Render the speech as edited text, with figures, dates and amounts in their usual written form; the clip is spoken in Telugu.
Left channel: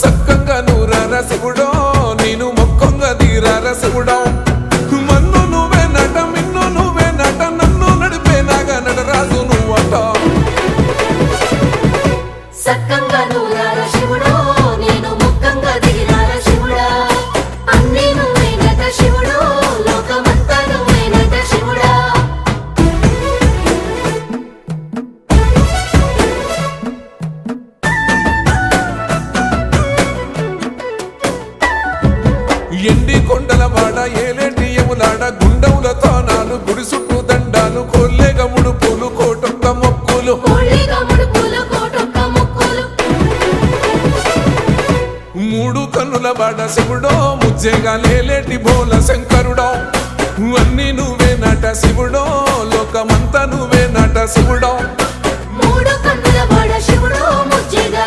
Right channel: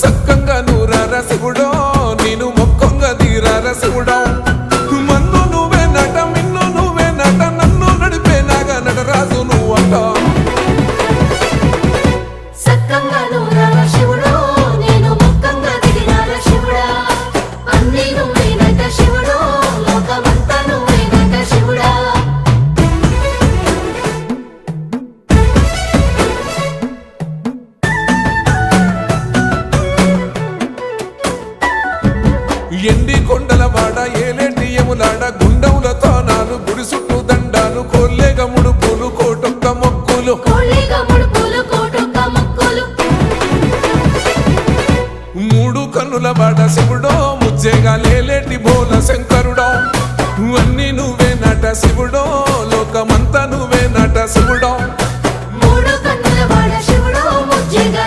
సక్కంగా నూరార శివుడో నేను మొక్కంగా తీరార శివుడో మన్ను నువ్వే నట మిన్ను నువ్వే నట నన్ను నడిపే నాగా నటరాజు నువ్వట ఎండి కొండల వాడ ఏలేటి యములాడ గుండముల తానాలు గుడి చుట్టూ దండాలు కోల్లేగ ముడుపులు కోటొక్క మొక్కులు మూడు కన్నుల వాడ శివుడో ముజ్జేగా లేలేటి బోల శంకరుడో అన్ని నువ్వే నట శివుడో లోకమంతా నువ్వే నట శివుడో మూడు కన్నుల వాడ శివుడో ముజ్జేగా